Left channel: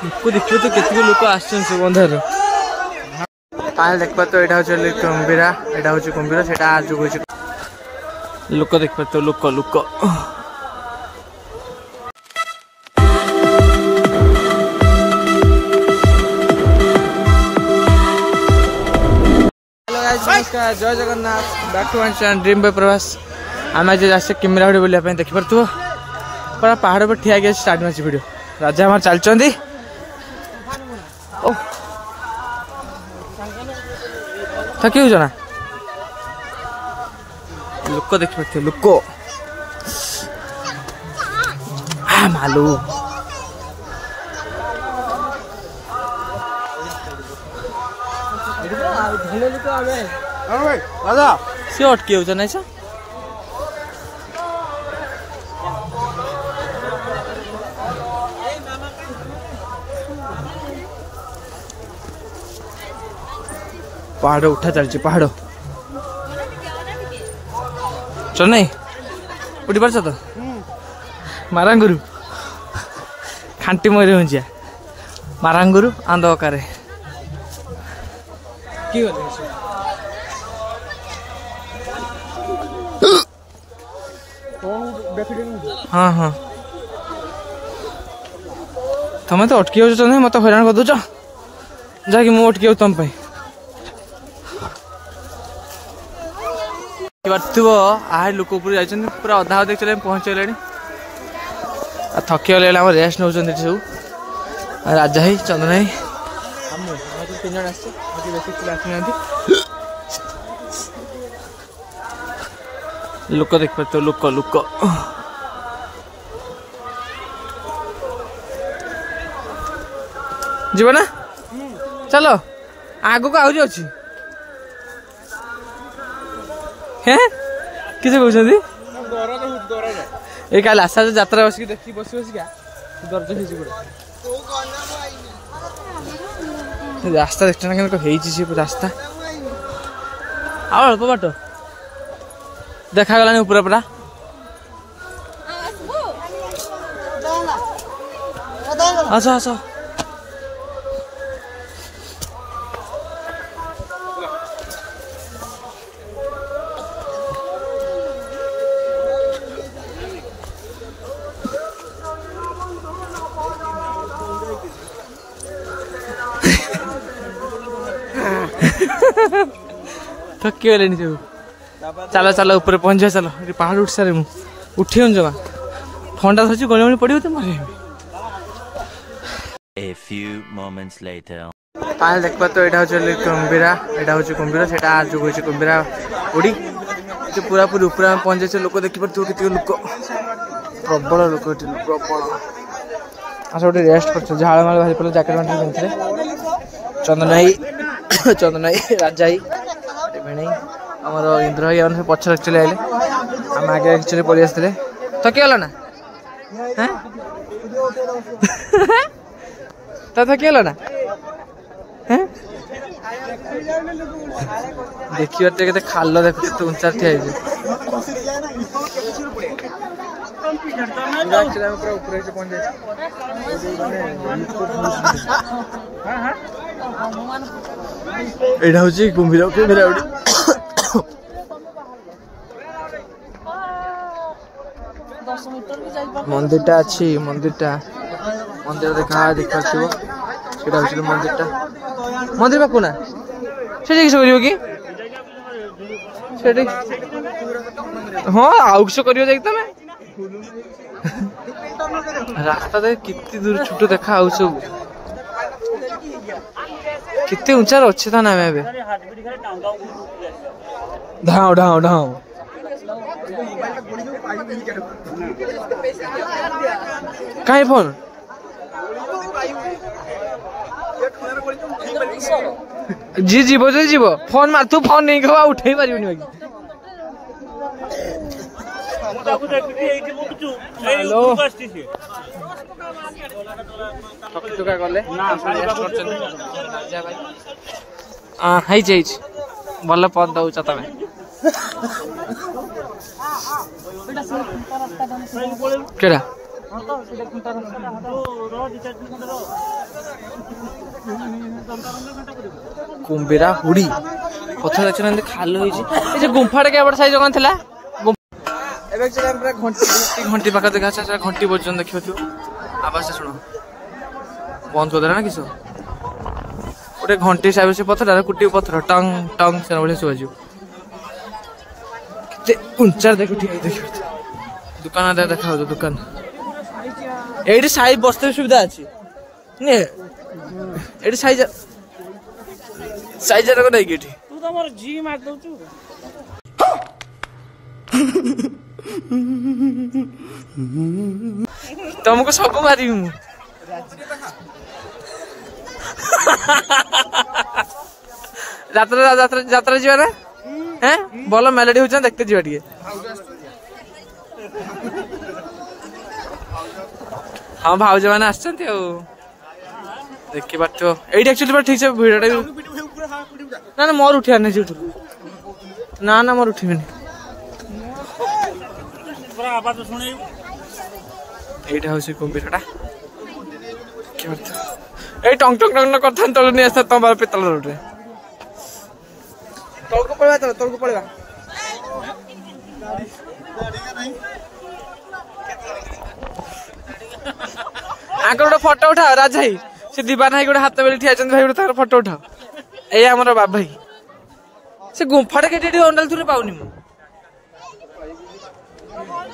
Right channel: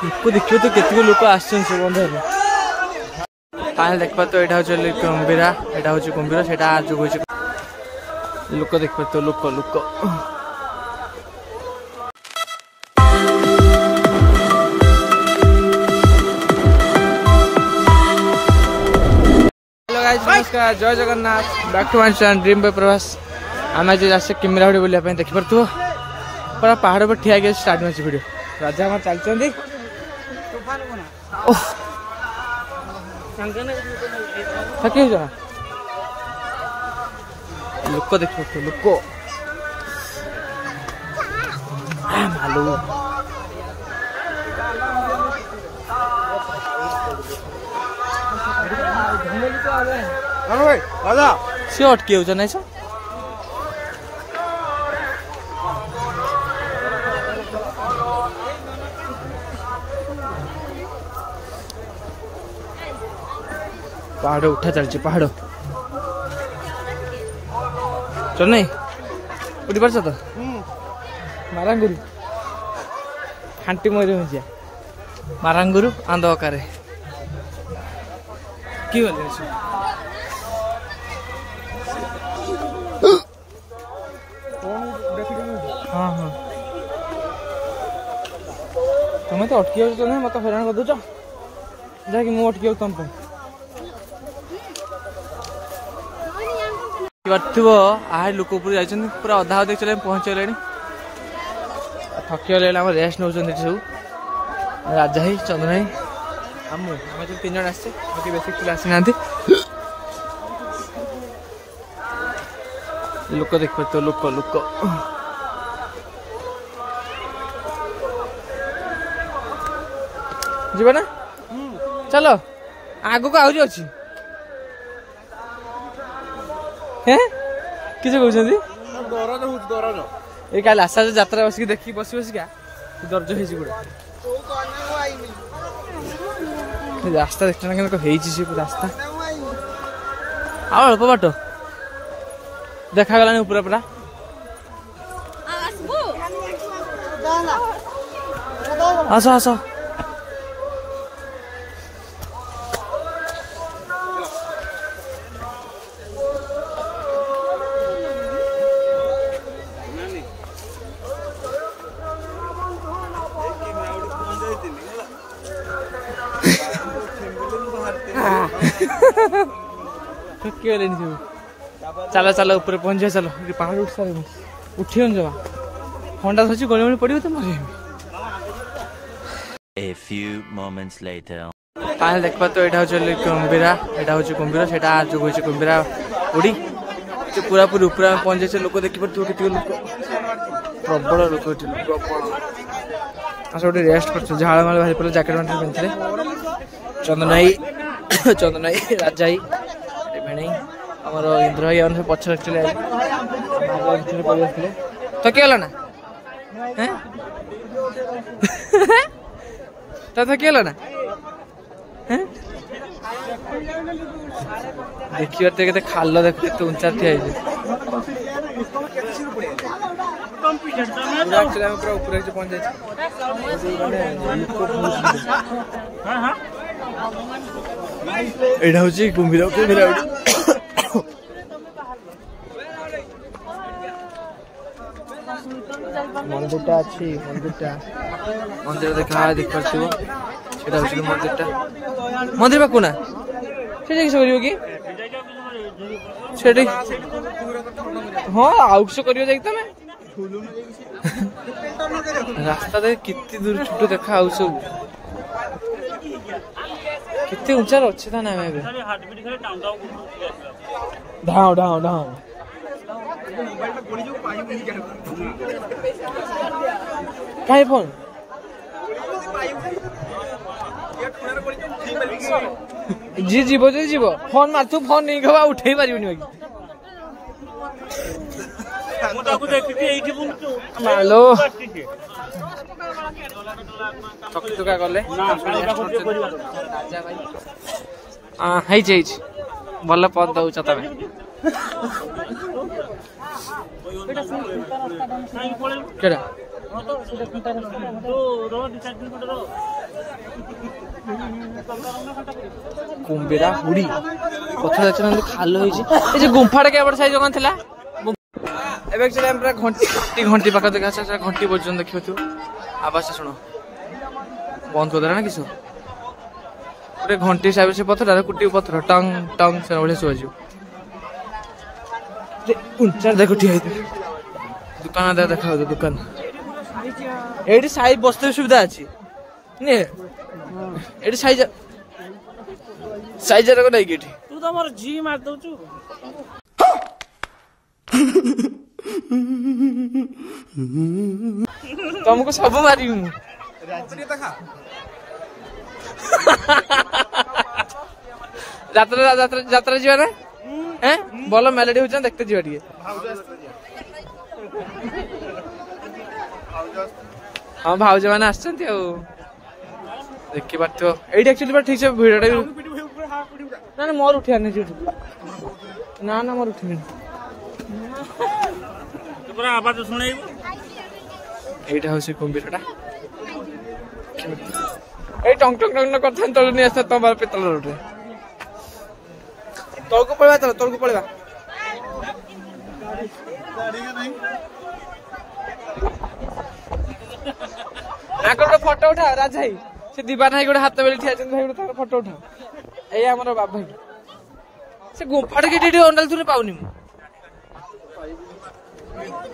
लोक देखिए तो केतक लोक आसन बंधर ताल देखा तो यहाँ हूँ कुंभीरा यहाँ हूँ कुंभीर से लोक देख तो लोक लोक हेलो गाइस नमस्कार जय Jagannath back to my channel dream by Pravas आम आज आसे किमिराहुड़ी बुलाया देखी पार्थ पूरा पहाड़ पर ठिया गया स्टार्ट मार्च वीडियो राजा हमारे चलती थकी हो ना लोक देख पार्थ लोक मालू सी अटकी हो ना पहाड़ उठा चलती पहाड़ चल नहीं उठी पार्छ तो मारांगुरु खांटी मरी हुंजिया मारांगुरु आंद अकारे कि हाँ हाँ तुम तो अटकी हो मत हैरान कर दौच जहाँकि मुझे अटकी तुम आए लोक ऊपर जा पूरा अधा अधे चले पहुँचले थकी गले रेस्ट नौ सब राजा ही चंदन ही आम तीन जन आसे बेसिक पिला आसी ना लोक देख पार्थ लोक लोक जीव ना चलो आग को आहरी अच्छी किसे कहते ये काल आशा यात्रा बस देखी बस बसिका दर्ज हो रास्ता देखना रास्ता अल्प बाट देखा गला ऊपर पूरा आस आस थकी गले सब चलो चलो ऊपर पहुंच चलो पहाड़ उठ सारे उठी जमा ठंडा धरती गले पड़ो तो मर पाल देखा तो यहाँ हूँ कुंभीरा यहाँ हूँ कुंभीर से हूँ कुंभीरा उड़ी पूरा पूरी ऊपर पहुंच जाए लोक देखी पार्थ केत लोक प्रबल लोक प्रबल आस गोटे रेस्ट कर झाड़ माल बाहरी पड़े जैकेट मैंटे पिंधे चंदन भाई राजा ही भेण आमर इंद्र भाई सब पछर चले आए आम आगे एक्चुअली पड़े आसते थकी गल ना तो थकी गल ना देखिए के खाल देख के उंचा ठिया पूरा ऊपर पहुंच जाए यहाँ हूँ कुंभीर कुंभीरा उड़ी मंदिरटा अच्छी मंदिर देखा देख पार्थिव से मंदिर पाखु ना से किस कर हाँ आउ किस कर रास्ता देख कितनी दूर छुट देखा आउ सब कितने ऊंचा अच्छे था ना मैं ढाओ ढाओ ढाओ कहीं फोन जी जीव फोन मार तू फोन नहीं खबा उठे पारि हेलो थकी टुका गले भल पद दौच तमें केड़ा କୁମ୍ଭୀରା ହୁଡ଼ି ପଥର ଦେଖୁନାହାନ୍ତି ଖାଲ ହେଇଛି। ଏ ଯୋଉ ଗୁମ୍ଫାଟା କେବଳ ସାଇଜ କଣ ଥିଲା ଏବେ ପୁରା ଘଣ୍ଟି ଘଣ୍ଟି ପାଖ ଦେଖା ଘଣ୍ଟି ପର୍ଯ୍ୟନ୍ତ ଦେଖିପାରୁଥିବ। ଆବାସଟା ଶୁଣ ବନ୍ଦ କରିଦେଲା ନା କିସ ଗୋଟେ ଘଣ୍ଟି ହିସାବରେ ସେ ପଥର କୁଟି ପଥର ଟଙ୍ଗ ଟଙ୍ଗ ସେ ଭଳିଆ ଶୁଭାଯିବ। କେତେ ଉଞ୍ଚାରେ ଦେଖ ଠିଆ ହେଇ ଦେଖ ଦୋକାନ ଦେଖା ହଉଥିବ ଦୋକାନ ଏଇଠି ସାଇ ବସ୍ତେ ସୁବିଧା ଅଛି ଏଠି ସାଇଜ ନାଇକି ଏଠି ତୁ ତ ମୋର ଜି ମାରି ଦଉଛୁ। ତମକୁ ସବୁ ମାରିବି ମୁଁ। ଯାତ୍ରା ଯିବା ନା ଭଲ ମେଲୋଡି ହଉଛି ଦେଖତେ ଯିବା ଟିକେ। ହଁ ଭାଉଜ ମାନେ ଆସିଛନ୍ତି ଆଉ ଦେଖିପାରୁଥିବ ଏଇଠି ଆକ୍ଚୁଆଲି ଠିକ ସେ ଭିଡଟା ବି ନା ନା ମୋର ଉଠିବାର ନାହିଁ ସେଠି ନା ନା ମୋର ଉଠିବିନି। এইটা হচ্ছে কুম্ভীরটা এই টং টং টং কথা তলু নিয়ে আসতা তোমার পেতল রোডে তলকু পড়বা তো তলকু পড়বা আগে গোটে ফটো উঠাও রাজ ভাই সে দিবান ভাই গোটে হাত বেলি ঠিয়া আছেন ভাই গোটে তার ফটো উঠাও এই আমার বাবা ভাই সে গুম্ফাটা কেটে এটি অন্ডাল থুরে পাউনি মু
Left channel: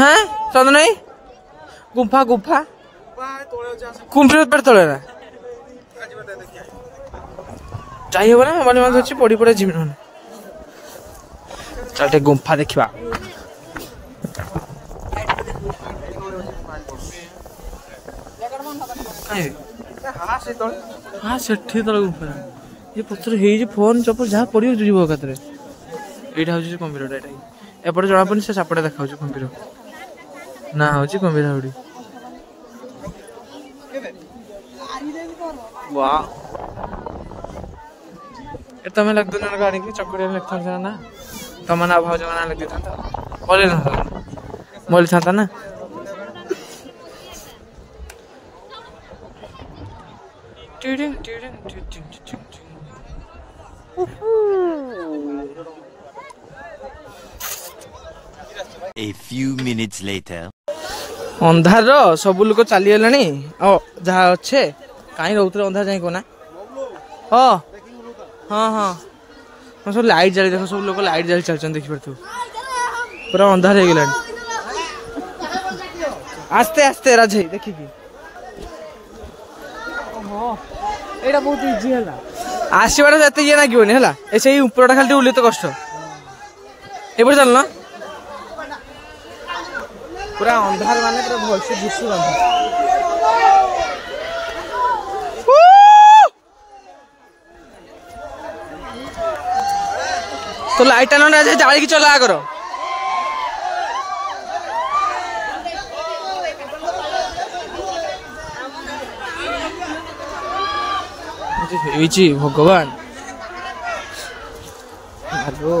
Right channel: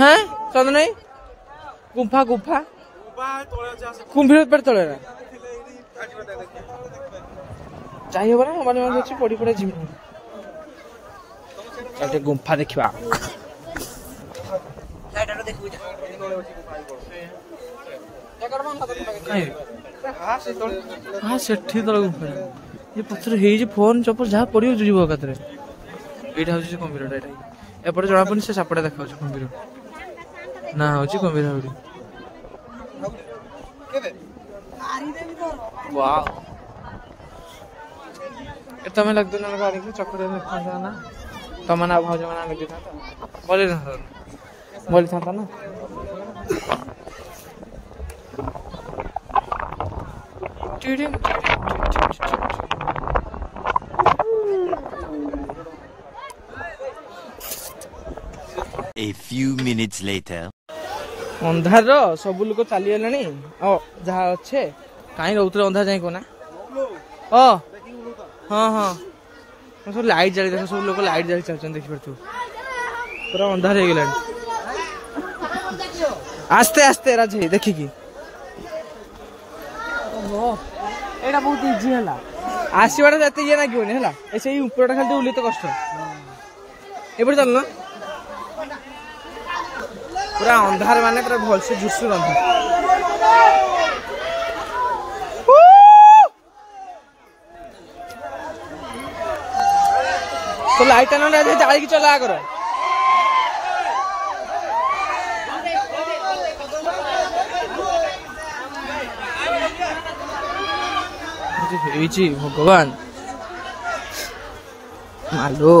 হ্যাঁ চন্দন ভাই गुम्फा गुम्फा कुम्भीर पर तले ना चाहिए ना मन मन अच्छी पड़ी पड़े जिम चलते गुम्फा देखा हाँ सेठी तले गुम्फा ये पत्थर हे फोन चप्पल जहाँ पड़ी जीव एकाथरे यहाँ हूँ कुम्भीर एपटे जना पड़े से सापटे देखा कुम्भीर ना हूँ कुम्भीर हुडी वाह तमें लग दो ना गाड़ी की चक्कर में लिखा ना तम ना भाज ना लगी था बोली था ना A few minutes later अंधार सब लोग चली गले जहाँ अच्छे कहीं रोते अंधार जाए को ना हाँ हाँ हाँ सब लाइट जाली देख सब लोग लाइट जाली चलते देखी पार्थ पूरा अंधार हो गला आस्ते आस्ते राज देखिकी एटा बहुत इजी है आसवाटा ये ये लगे है उपरटा खाली उल्ले तो कष्ट एपटे चल ना पूरा अंधार माने पूरा भल से झुसु तो लाइट जाली की चला करो भगवान आलो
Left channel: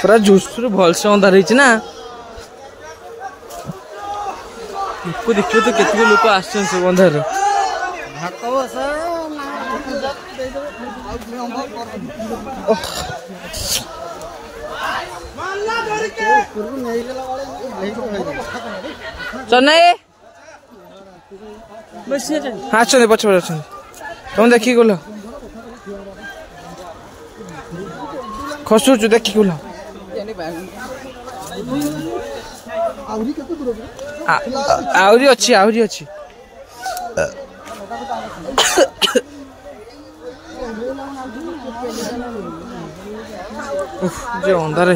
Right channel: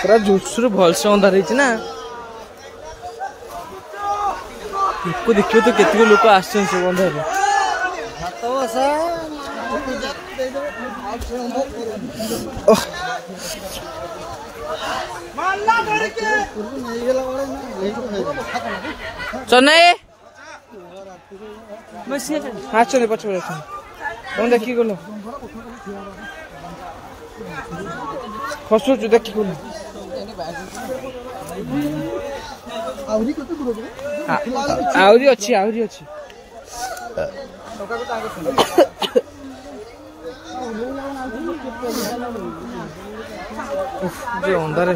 पूरा झुसुर भल से अंधार ना देखिए तो केत लोक आस अंधार चन्नाई हाँ अच्छे पछ तुम देखी गल खसुचु देखी गल आहरी अच्छी आहरी अच्छी जो अंधार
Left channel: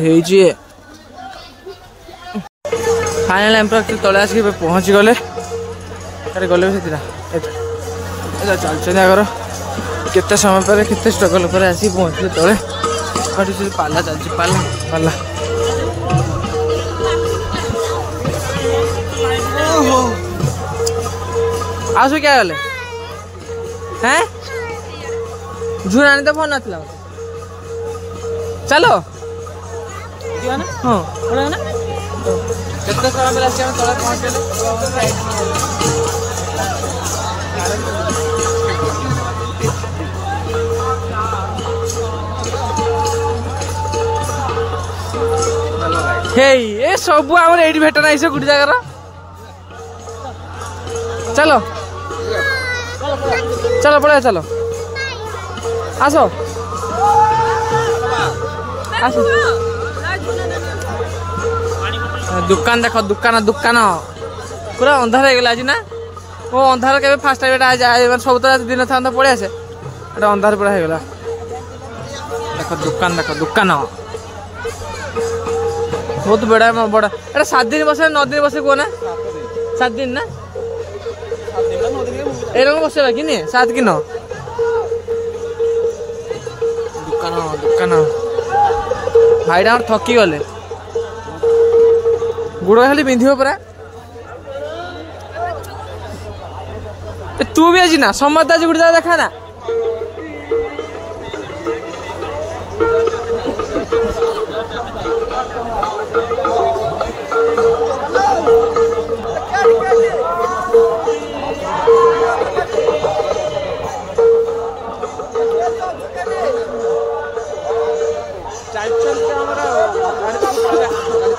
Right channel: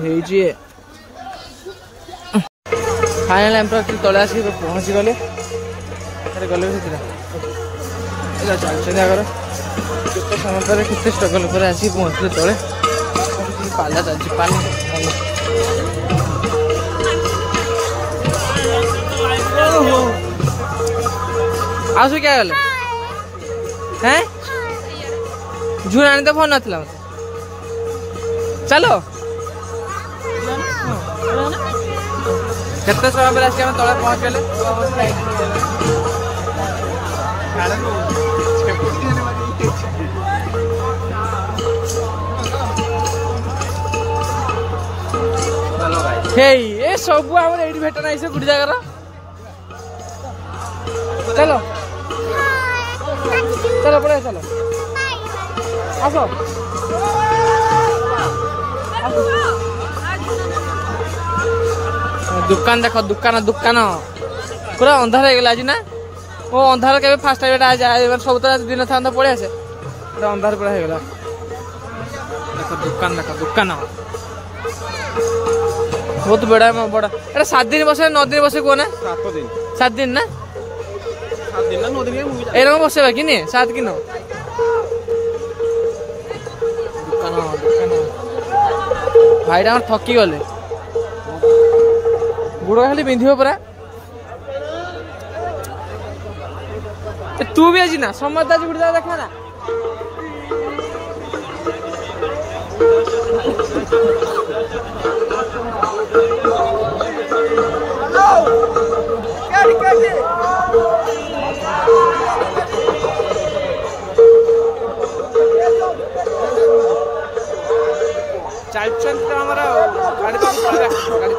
फाइनल एम तले आसिक पहुँची गले गले चलते जागर केते समय पर केते स्ट्रगल पर आसिक पहुँचले तले पाला चलती पाला पाला आसु क्या गले हैं झूठ आने तो फोन ना चलो केते समय पर आसिक तले पहुँच गले हेई ए सब आम ये भेट ना गोटे जगार चलो चलो पड़े चलो आसो आसो दुकान देख दुकान दुकान पूरा अंधार हो गला आज ना वो अंधार के फास्ट टाइम आज सब तो दिन था पड़े आसे अंधार पूरा हो गला देख दुकान बहुत बड़ा बड़ा एटा 7 दिन बसे 9 दिन बसे को ना 7 दिन ना एरम बसे बाकी नहीं 7 कि 9 दुकान दुकान भाईटा थकी गले गुड़ खाली पिंधिब परा तू भी आज ना समझ आज गुड़ देखा ना हमारा गाड़ी गाड़ी